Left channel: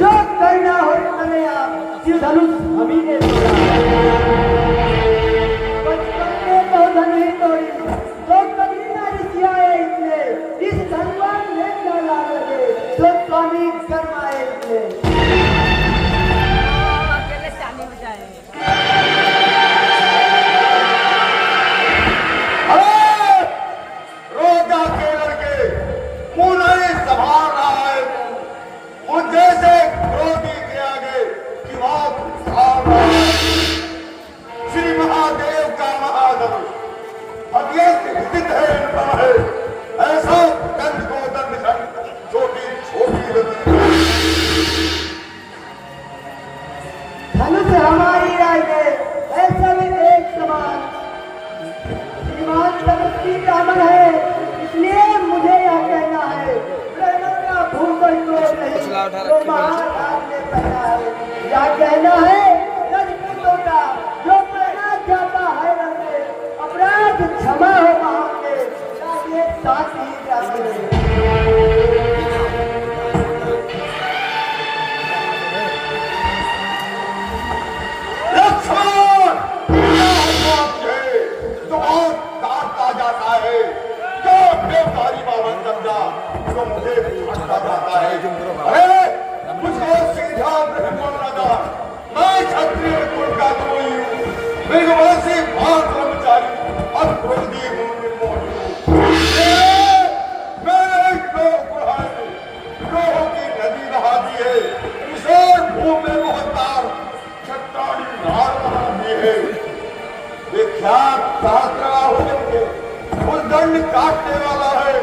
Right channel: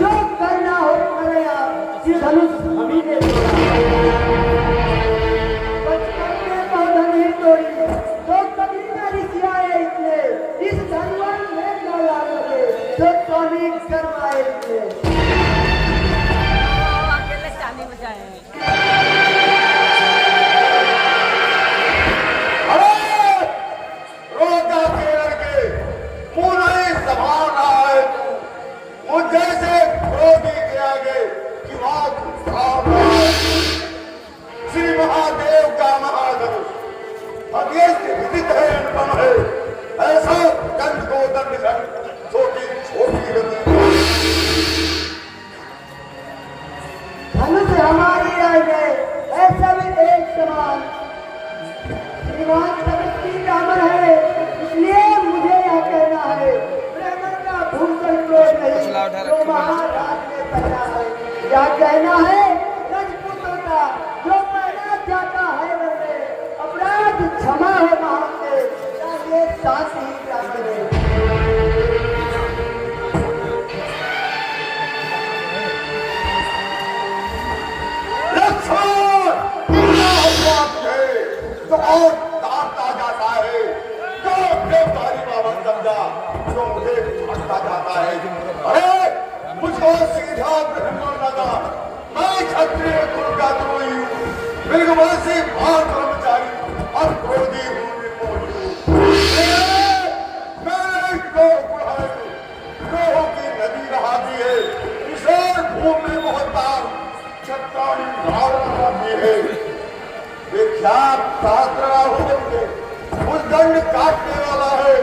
जो करना हो करे आप, कि धनुष हमी ने बचपन में बहुत नहीं तोड़ी, तो कभी ना रिसियाए इसने, इस धनवान ने डाला लगे, तो स्वामी करवाए इसने। क्या कहना है राजपूतों का, जो करना चाहता है अपराध क्षमा हो मांगे, चाहिए साथ ही जाता है। अरे मुझको सीधा ब्राह्मण लगा, मैं क्षत्रिय कुल का द्रोही हूँ, मृगवंशी भान कर्मचारी और क्रोधी लोगों की नदी बहाती है, उसे भूमि में बहुतार चट्टानी धारणा दी है। विख्यात शास्त्र के उद्दंड काटने वाला है,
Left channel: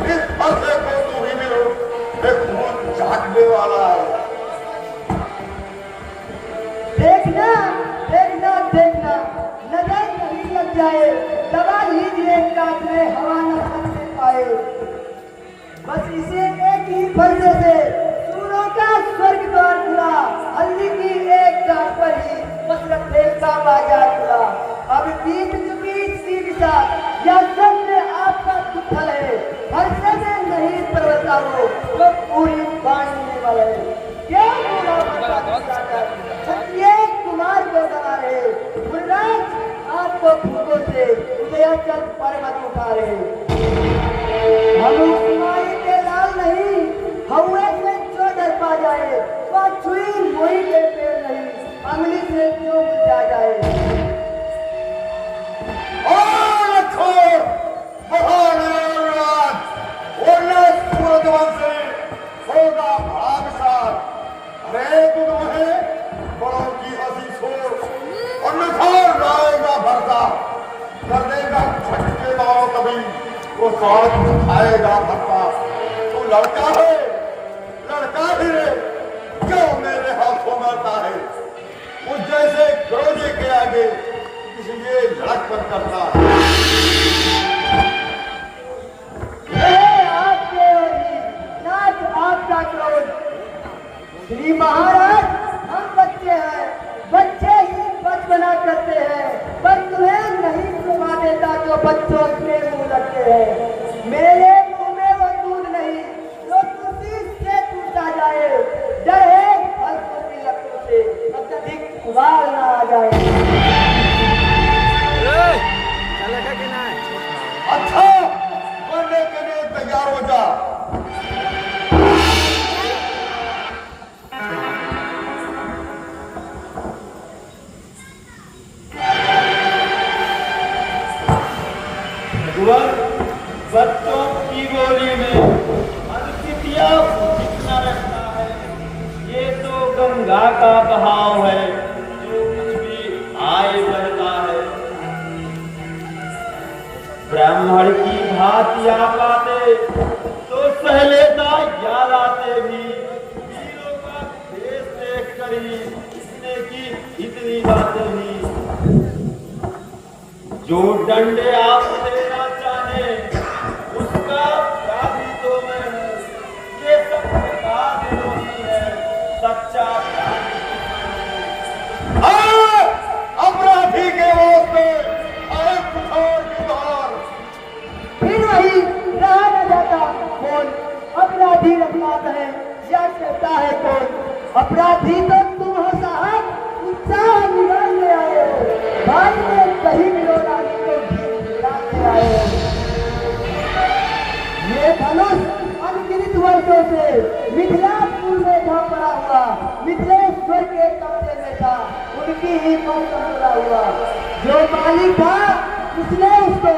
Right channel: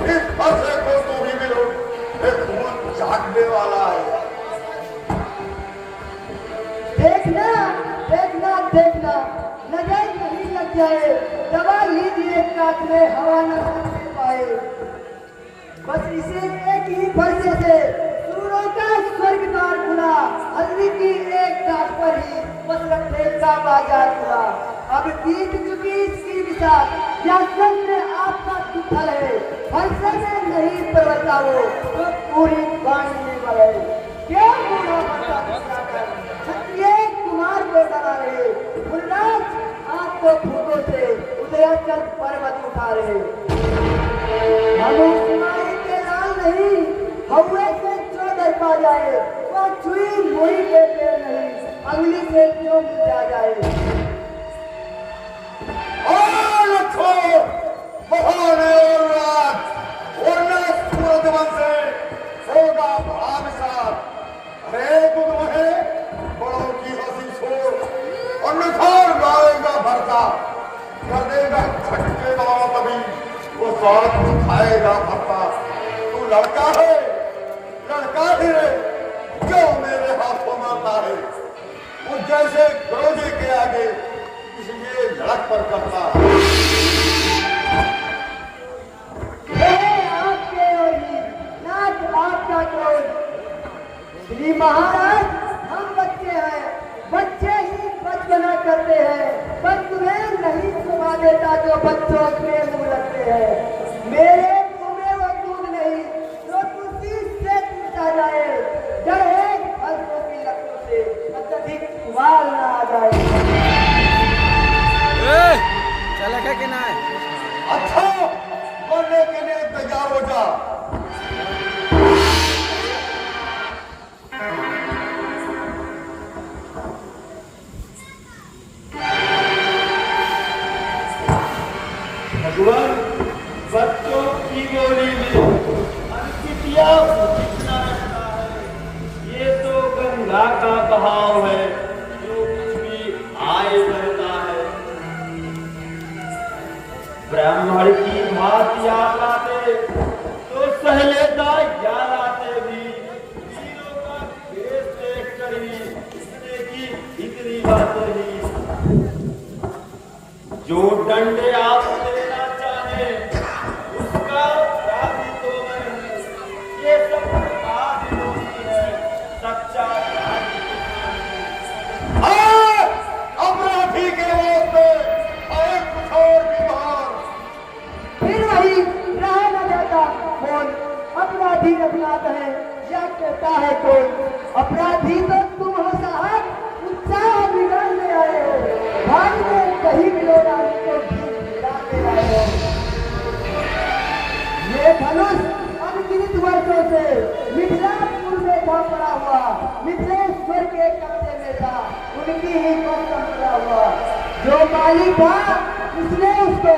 इस फंसे को तू ही मिलो, एक खून चाटने वाला है। देखना देखना देखना, नजर नहीं लग जाए, दबा ही दिए काट में हवा न पाए। बस इसे एक ही फर्जे से सूरों का स्वर्ग द्वार खुला, हल्दी की एक काट पर ही बस रखने का आजाद हुआ। अब बीत चुकी इसकी दिशा, या सब में आपका दुखल है, फर्जे में नहीं परता हो तो पूरी बांधने वाले। क्यों क्षत्रिय कुमार को डरा रहे, गुलराज आपको फूलों से उदयाचल पर्वत उतारे। हम सुनाई के लाल नहीं, हवा से जो डर पा जाए, वह छुई मुई के पेड़ नहीं, अंगली से क्यों मिटा जाए। खाएगा भरता, तू लड़का है, लड़का है, क्यों मेरे हाथों मारता है। वो जैसे गौजी के आगे इसलिए झड़क पर करता श्री महाराज, हम बच्चे हैं, बच्चे ही बचपना करते हैं, पर तुम्हें नहीं सुना देता जो बच्चों के मुंह रखते हैं। मेरे मुंह में वो दूध नहीं जो तुलसी से टूटा जाए, डर है फर्शों की लकड़ों से अत्यधिक उबाल न आ जाए। अच्छा, मरने के लिए तैयार हो जा। बच्चों की गोली में अनसिटिया कितना रखता है, ये तो गंगा का बहाव है, जो कुछ भी आए बढ़ता है। ब्राह्मण की भांति आप आते तो सह लेता याद आते भी, वीरों का देश देख कर ही इतने की इतनी बातें ही। जो डंडे आप देना चाहे उसका काफी तो मैं हूँ, ये सब बात होती है, सच्चा अपराधी के होते एक कठोर विधान। फिर वही रहा न जाता कौन अपराधी रखना है, या के सकता है कौन? अपराधी तो तुम हो साहब, उत्साह बिगाड़ने आए हो, भाई ने कहीं लोड़ाने को भी बिगाड़ने आए हो। ये धनुष अनगिनत वर्षों से मिथिलापुर में था पड़ा हुआ, मिथिलेश्वर के कब्जे में था, उनकी ही कौशल पड़ा हुआ। जो मालिक था उसने उसको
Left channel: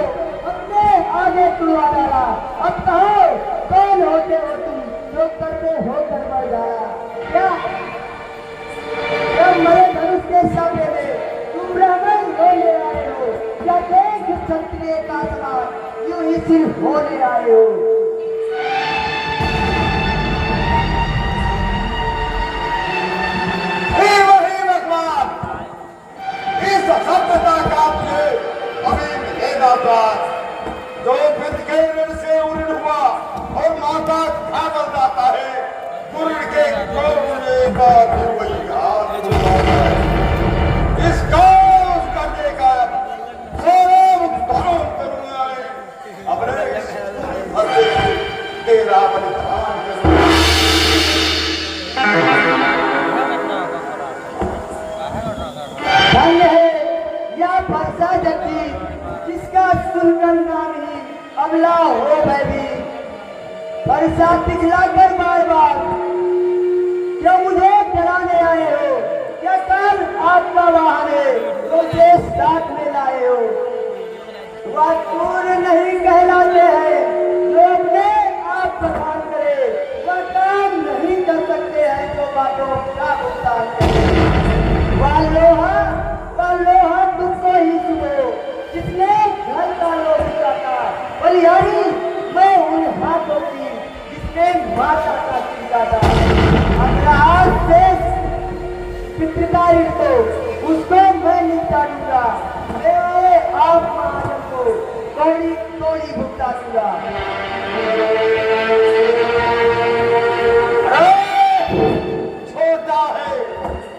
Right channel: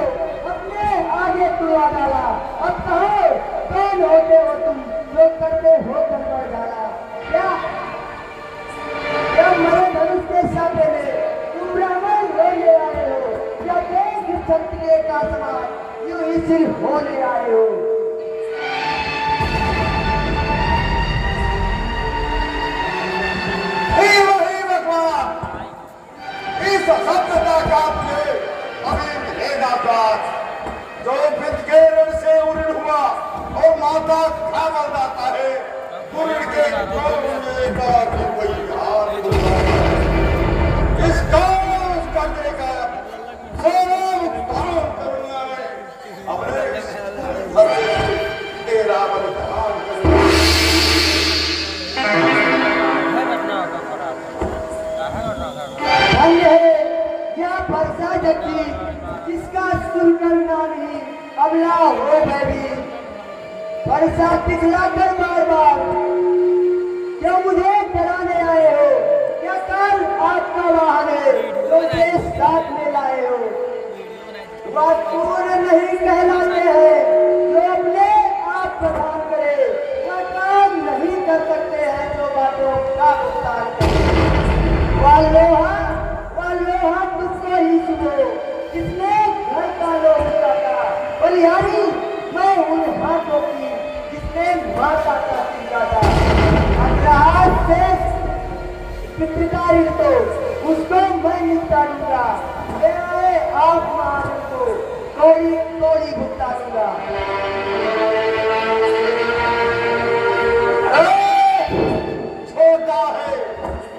अपने आगे तुड़वा डाला। अब कहो कौन होते हो तुम जो करते हो करवा डाला? क्या मेरे धनुष के सामने में तुम ब्राह्मण होने आए हो या देश क्षत्रिय का समान यूं ही सिर्फ होने आए हो? वही भगवान इस सभ्यता का मुझे अभी मिलेगा प्राण। जो वित्त के ऋण से उऋण हुआ और माता खा बन जाता है, गुरुड़ के कोने का कोई हाथ उठाता है। इसका उसका देकर सोम धर्म करुणा में अपने भरते तेरा बलिदान करूंगा। धन्य है या फरसा जबकि जिसका सुनकर नाम ही अबला हो बैभी। फरसा दिखला कर बार बार क्या मुझे डराने आए हो? क्या कल आपका वाहन है जो देश साथ में लाए हो? वह पूर्ण नहीं कहलाते हैं जो अपने आप को काम करे, वह काम नहीं कर सकते हैं जो बातों का भुगतान करे। वह लोहा तुमको ही सुनो जिसने घर का लोहा का बलिहारी मैं उन हाथों की जिसने माता का सीधा था। अपना हाथ से पितृकारी तो उसको मैं निपटा दूंगा। ले आप महाजन को तोड़ी तोड़ी भुगता दूंगा। छोटा है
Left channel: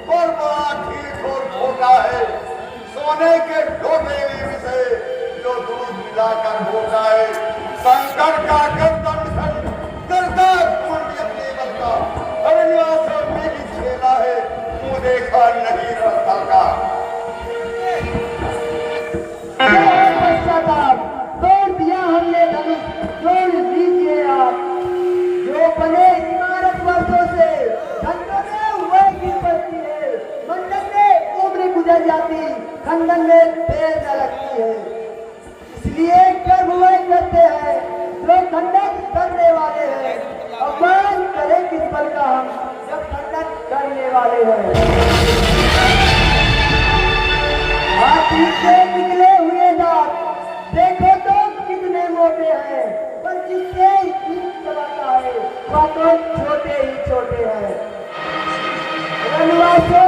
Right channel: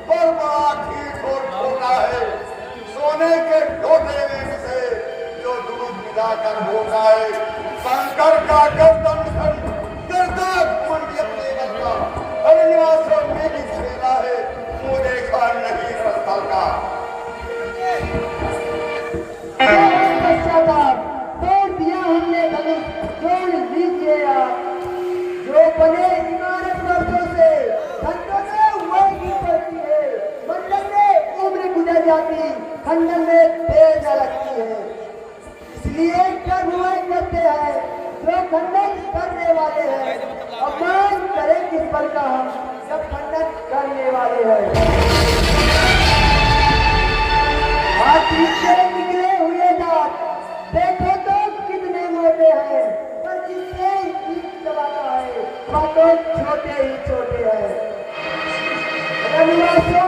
और बड़ा ठीक और छोटा है, सोने के लोटे में से जो दूध मिलाकर होता है। संकट का गर्दन करता कुंड लेवल का हरिया से मेरी छेला है, मुँह देखा नहीं रखता का। तोड़ दिया हमने धनुष, तोड़ लीजिए आप। जो बने इमारत वर्षों से खंडन में हुए गिर पड़ती है, मंडल में उम्र गुजर जाती, खंडन में तेज लगती है। इसलिए कर्म हुए करते हैं जो खंडन करने वाले हैं। अपमान करें किस बल का हम जब खंडन करने वाले हैं। हाथी से निकले हुए दांत देखो तो कितने मोटे हैं, पर जिससे ईंट चलाता है वह तो छोटे ही छोटे हैं। वनवासों